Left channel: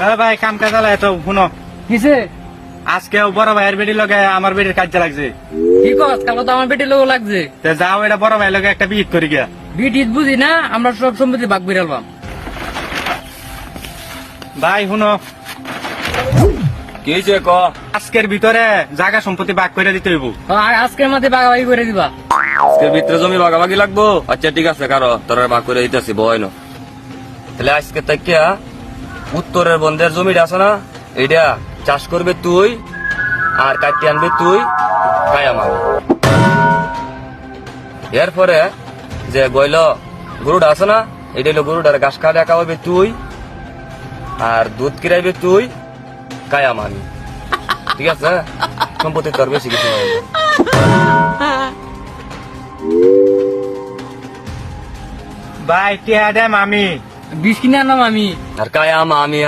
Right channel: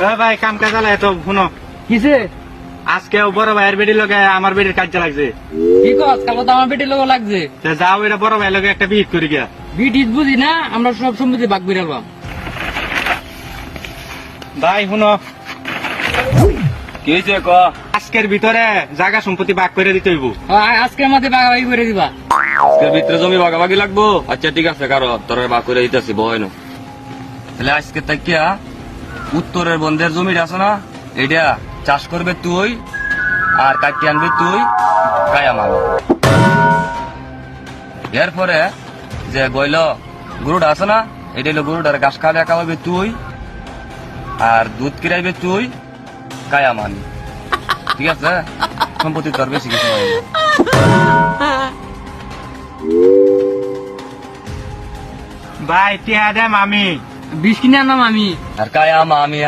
ভাই কাম কাজ চালায় তো শুনো কিসে আজকে বড় ভাইয়ের বেটি লগে আমার বেটির কাজ লাগছে কি কস কালো তো আমার বেটির লোক লাগছে তা যাও এটা বড় ভাই লগে একটা বিয়ে করি গিয়া বিট ইট বুঝি না আমরা সব সম্পত্তি ভাগ বিড়ালবাম ভাই শুনো কি হয়েছে ক? আজকের ভিতরে জায়গা সম্পত্তি ভাগ করে দিতে হইব আজকের মাঝে বাগাবাগি করে দিবা আজকের ভিতরে জমি ভাগাভাগি লাগবো। আচ্ছা ঠিক আছে, কারো তোর ভাগ করে দিতেছি বয়নো। তাহলে আজকে তাইকা উত্তরের বন্ধের জমিটা আছে না, এইটা চাষ করবে তুই আর কাটতে আনবে তুই, কায়া মাল। এরপরে যে গইল গরুটা আছে না, এইটা হলো গরুটার ঘাস খাওয়া খাওয়াবে তুই আর দুধ কিরাইবে তুই, কায়া মান। ঠিক আছে, সম্পত্তি তোর বেশি কিছু নাই। ভাই টিয়া দেম আমি বিষ কিনে আনলাম আমি আর কায়া আমি